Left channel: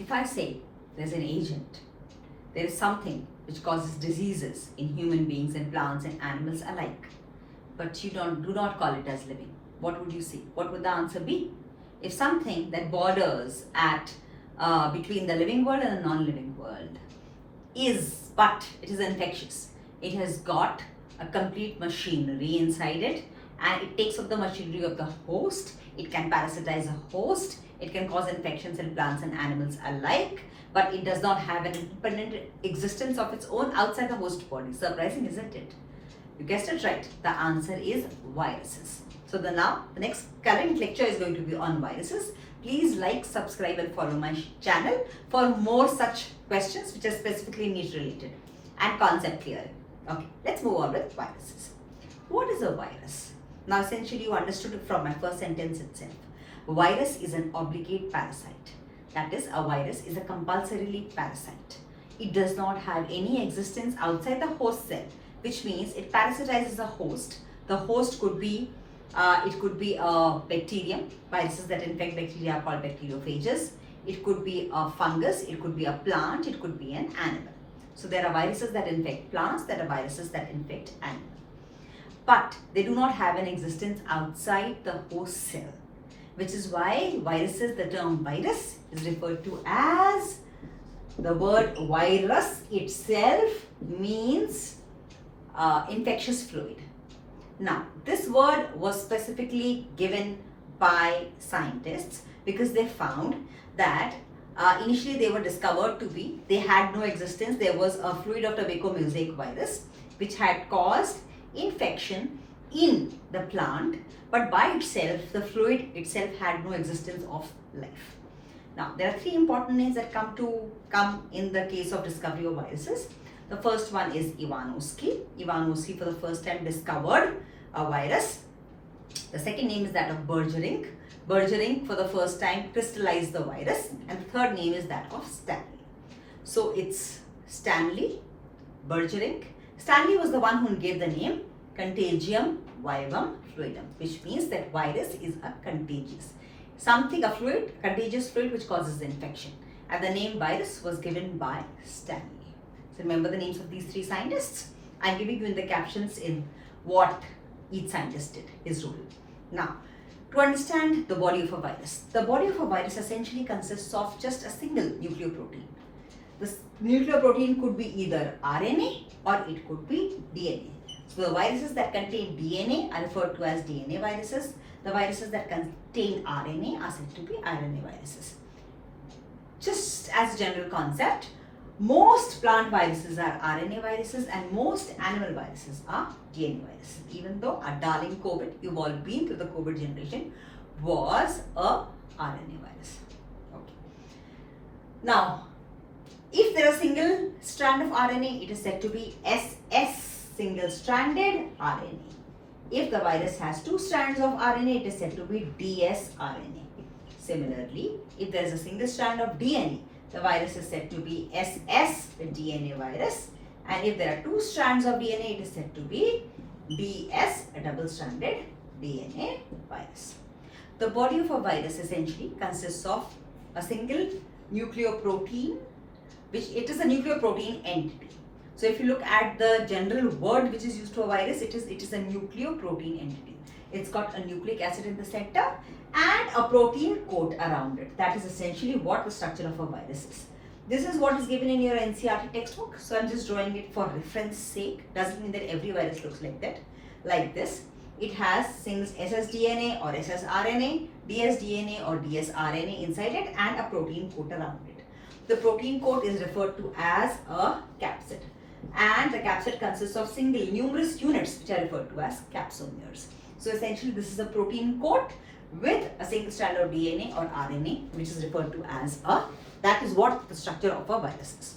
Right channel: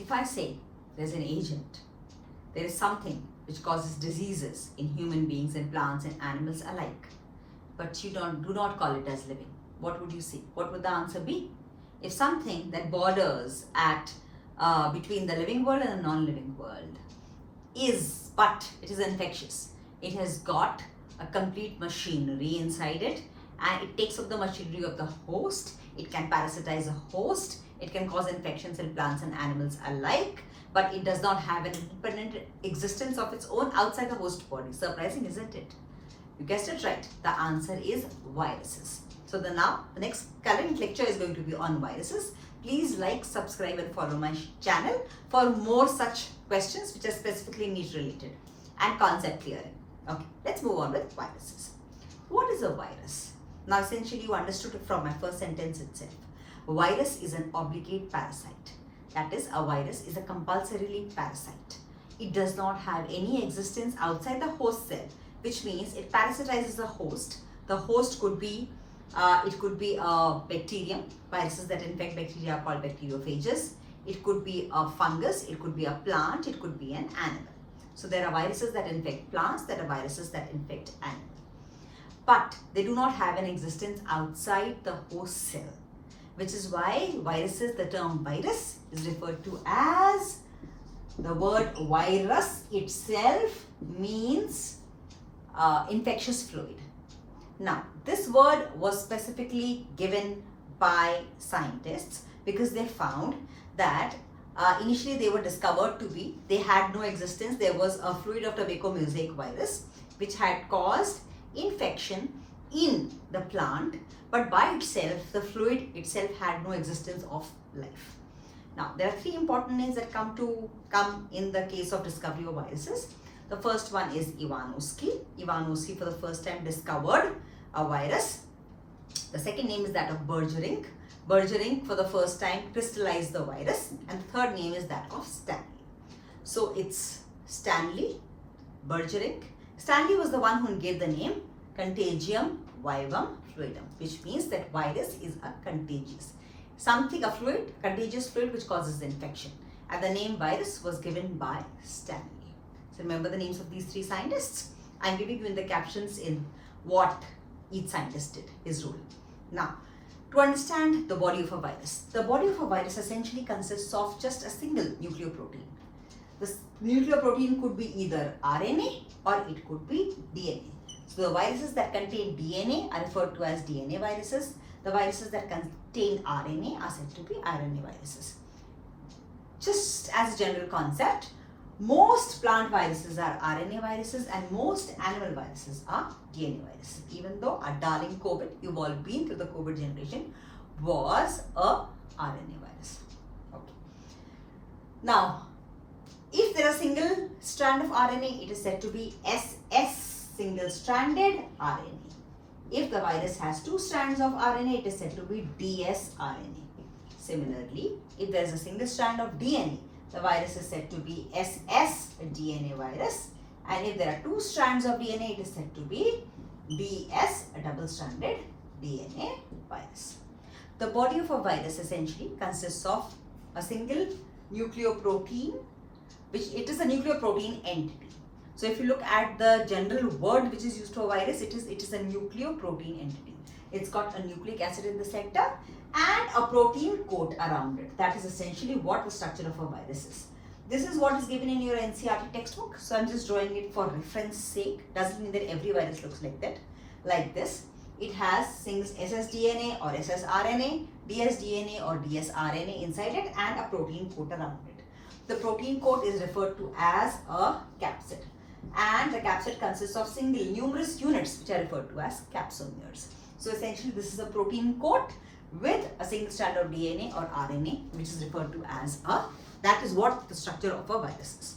If I say there's an agent, there is something which causes diseases in human beings and plants and animals alike, but you do not call it as living, what would you say? What would the answer be? If something that borders at between the living world and the non-living world but it is infectious, it has got a complete machinery inside it, and it takes up the machinery of the host, it can parasitize a host, it can cause infections in plants and animals alike, but it does not have an independent existence of its own outside the host body. Surprising, isn't it? You guessed it right. The answer is viruses. So the next current lecture is going to be on viruses. Please like, subscribe and follow my channel for more such questions which are specifically NEET related and concept clearing. Okay, let's move on with viruses. What is a virus? Now essentially you understood it from my first sentence itself. A virus is an obligate parasite. That is, a virus is a compulsorily parasite. It does not have any existence outside the host cell, which means it parasitizes the host. The host could be it could be a bacterium. Viruses that infect bacteria are called bacteriophages. It could be a fungus, it could be a plant, it could be an animal. So there are viruses that infect plants, there are viruses that infect animals. But they do not have an existence outside the host cell, which is why viruses, the term virus is referred to as, the word virus itself means infectious fluid. Now, this word was specifically given by scientists because they found that initially they were discovered to be, they had no existence. There was a fluid of tobacco-mosaic virus which had caused infection in the plant, but by itself, the fluid itself had no existence of life. Now, there are three important names that come in the case of discovery of viruses. The first one is Ivanovsky. Ivanovsky for the first time discovered a virus. The second name is that of Bergering. Bergering for the first time crystallized the virus. And the third name is that of Stanley. So it's Stanley, Bergering. Stanley was the one who gave the name Contagium vivum fluidum, which means that virus is a contagious. A fluid, contagious fluid which causes infection. And the name virus was given by Stanley. So remember the names of these three scientists. I'm giving you in the captions in what each scientist did, his role. Now, to understand the body of a virus. The body of a virus essentially consists of just a single nucleoprotein. This nucleoprotein could be either RNA or it could be DNA. So the viruses that contain DNA are referred to as DNA viruses. The viruses that contain RNA are said to be RNA viruses. Just as a general concept, most plant viruses are RNA viruses and most animal viruses are DNA viruses. Even though our darling COVID, you've all been through the COVID generation, was a RNA virus. Okay. Now, if there is a single strand of RNA, it is said to be SS, single-stranded RNA. If the virus has two strands of RNA, it is said to be dsRNA. Similarly, if there is a single strand of DNA, the virus is said to be SS, a DNA virus. And if there are two strands of DNA, it is said to be DS, a double-stranded DNA virus. The body of a virus essentially consists of a single nucleoprotein, which it is a nucleoprotein entity. So if you look at the general word which is used for a virus, it is a nucleoprotein entity. It's got a nucleic acid in the center and a protein coat around it. That is essentially what the structure of a virus is. This is what is given in your NCERT textbook. So I'm just drawing it for reference sake. Doesn't mean that every virus looks like that. Like this. It has things ssDNA or ssRNA, dsDNA or dsRNA inside it and a protein coat around it. The protein coat is referred to as a capsid. And the capsid consists of numerous units which are referred to as capsomeres. So essentially this is a protein coat with a single strand of DNA or RNA, which is referred to as that is what the structure of a virus is.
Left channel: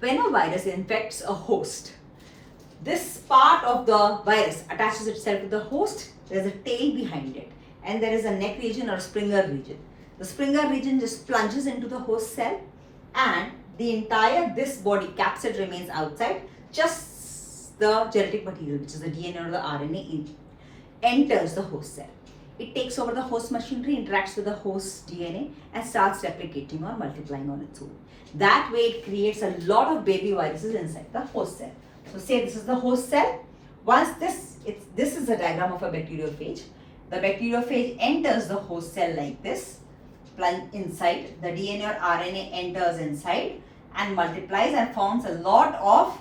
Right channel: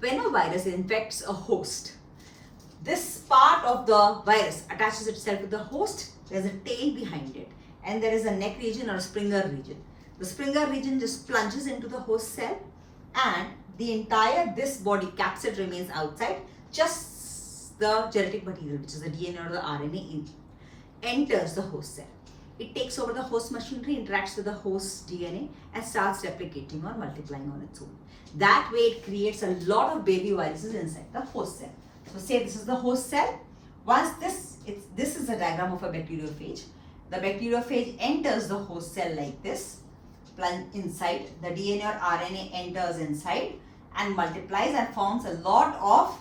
When a virus infects a host, this part of the virus attaches itself to the host. There is a tail behind it and there is a neck region or Springer region. The Springer region just plunges into the host cell and the entire this body capsid remains outside. Just the genetic material, which is the DNA or the RNA, enters the host cell. It takes over the host machinery, interacts with the host DNA and starts replicating or multiplying on its own. That way it creates a lot of baby viruses inside the host cell. So say this is the host cell. Once this is a diagram of a bacteriophage. The bacteriophage enters the host cell like this, inside. The DNA or RNA enters inside and multiplies and forms a lot of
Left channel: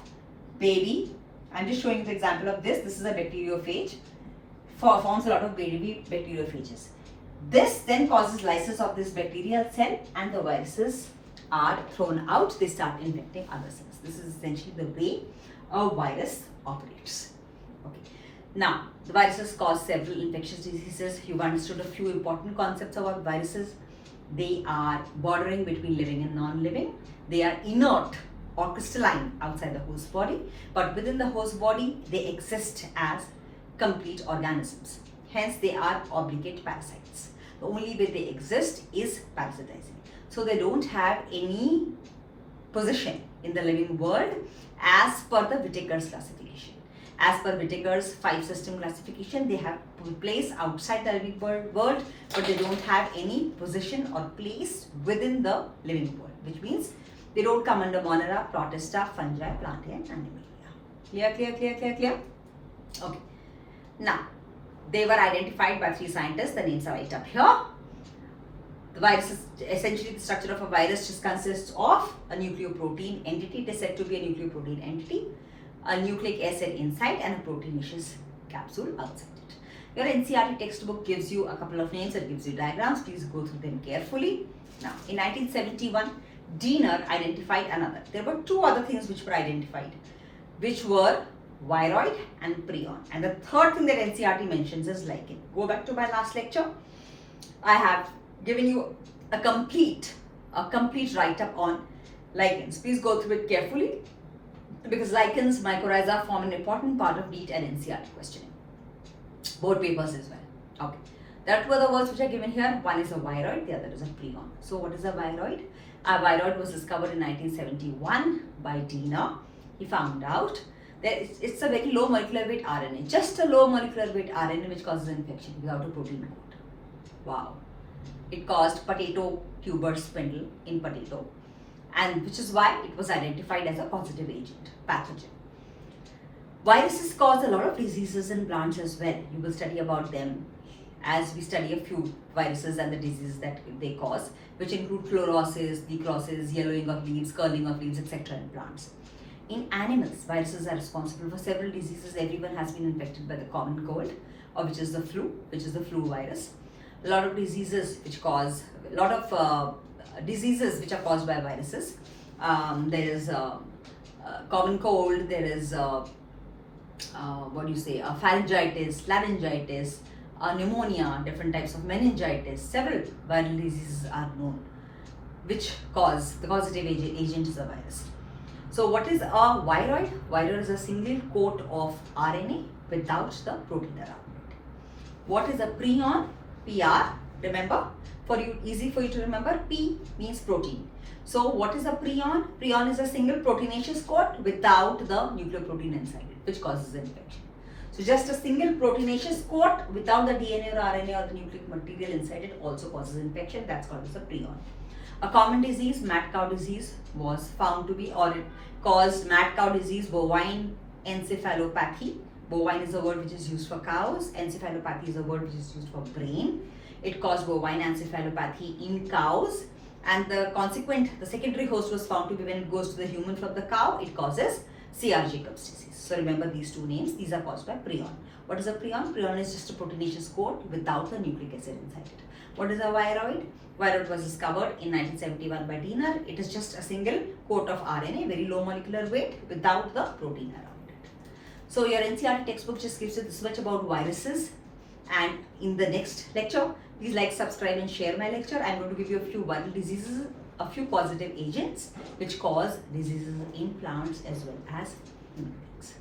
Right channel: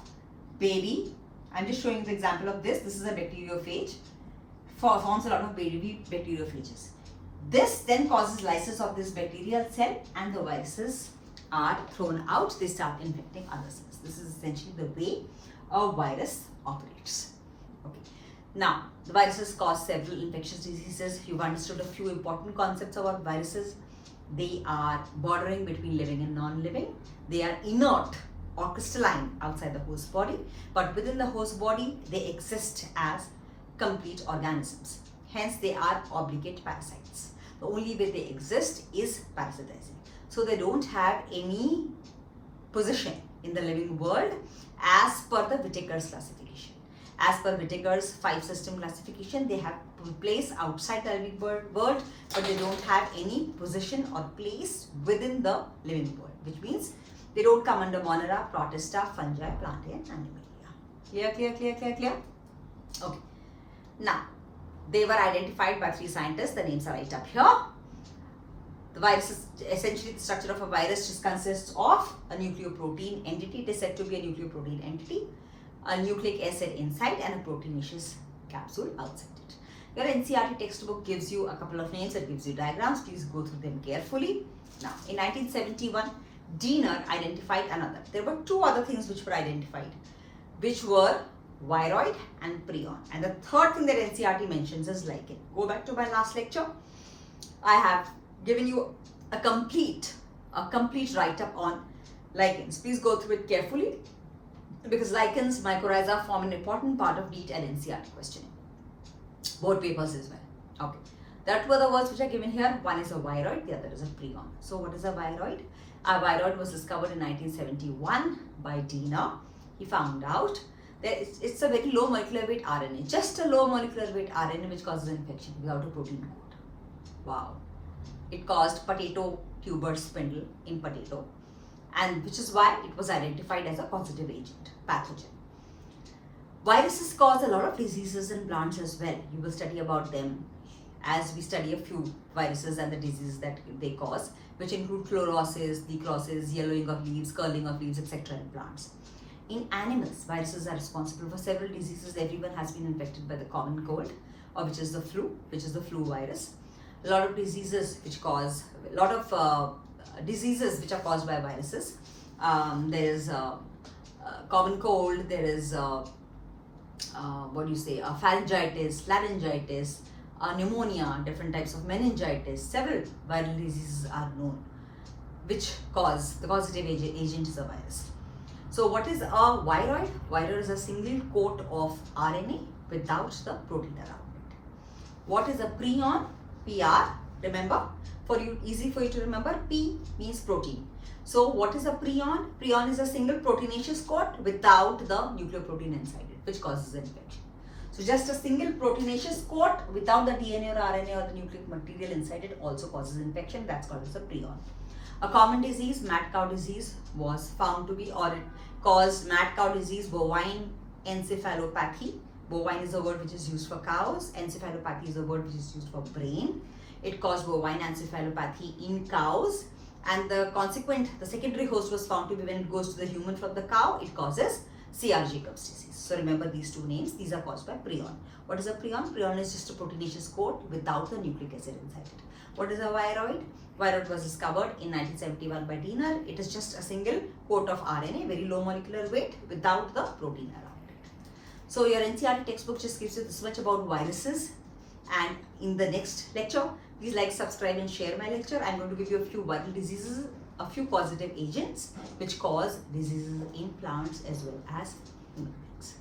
baby. I'm just showing you the example of this. This is a bacteriophage. Forms a lot of baby bacteriophages. This then causes lysis of this bacterial cell and the viruses are thrown out. They start infecting other cells. This is essentially the way a virus operates. Okay. Now, the viruses cause several infectious diseases. You've understood a few important concepts about viruses. They are bordering between living and non-living. They are inert or crystalline outside the host body, but within the host body, they exist as complete organisms. Hence, they are obligate parasites. The only way they exist is parasitizing. So they don't have any position in the living world as per the Whitaker's classification. As per Whitaker's 5-system classification, they have place outside the living world, but they don't have any position or place within the living world, which means they don't come under Monera, Protista, fungi, plantae and Animalia. Clear? Okay. Now, they were identified by 3 scientists. The names are right up here. The virus is essentially the structure of a virus just consists of a nucleoprotein entity. It is said to be a nucleoprotein entity, a nucleic acid inside and a proteinaceous capsule outside it. Your NCERT textbook gives you a couple of names, it gives you diagrams. Please go through them carefully. Now, in 1971, Diener identified another. There were 2 other things which were identified, which were viroid and prion. And the third thing that NCERT mentions is lichen. Go back to my last lecture. I have given you a complete write-up on lichens. Please go through it carefully because lichens, mycorrhiza form an important part of NEET and NCERT questioning. Both papers as well. Okay. There are 2 other words which are given here. One is a viroid, the other is a prion. So what is a viroid? A viroid was discovered in 1971 by Diener. He found out that it's a very low molecular weight RNA, just a low molecular weight RNA which causes infection without a protein coat. Wow. It caused potato tuber spindle in potato, and which is why it was identified as a causative agent, pathogen. Viruses cause a lot of diseases in plants as well. You will study about them as we study a few viruses and the diseases that they cause, which include chlorosis, necrosis, yellowing of leaves, curling of leaves, etc. in plants. In animals, viruses are responsible for several diseases. Everyone has been infected by the common cold, or which is the flu virus. A lot of diseases which cause diseases which are caused by viruses. There is common cold. There is pharyngitis, laryngitis, pneumonia, different types of meningitis. Several viral diseases are known which cause the causative agent is a virus. So what is a viroid? Viroid is a single coat of RNA without the protein around it. What is a prion? PR, remember, easy for you to remember, P means protein. So what is a prion? Prion is a single proteinaceous coat without the nucleoprotein inside it, which causes infection. So just a single proteinaceous coat without the DNA or RNA or the nucleic material inside it also causes infection. That's called as a prion. A common disease, mad cow disease, was found to be, or it caused mad cow disease, bovine encephalopathy. Bovine is a word which is used for cows. Encephalopathy is a word which is used for brain. It caused bovine encephalopathy in cows, and the secondary host was found to be when it goes to the human from the cow, it causes C.R. Jacobs disease. So remember these 2 names. These are caused by prion. What is a prion? Prion is just a proteinaceous coat without the nucleic acid inside it. What is a viroid? Viroid was discovered in 1971 by Diener. It is just a single coat of RNA, very low molecular weight without the protein around it. So your NCERT textbook just gives you this much about viruses. And in the next lecture, please like, subscribe and share my lecture. I'm going to give you a few viral diseases, a few causative agents which cause diseases in plants as well as human beings.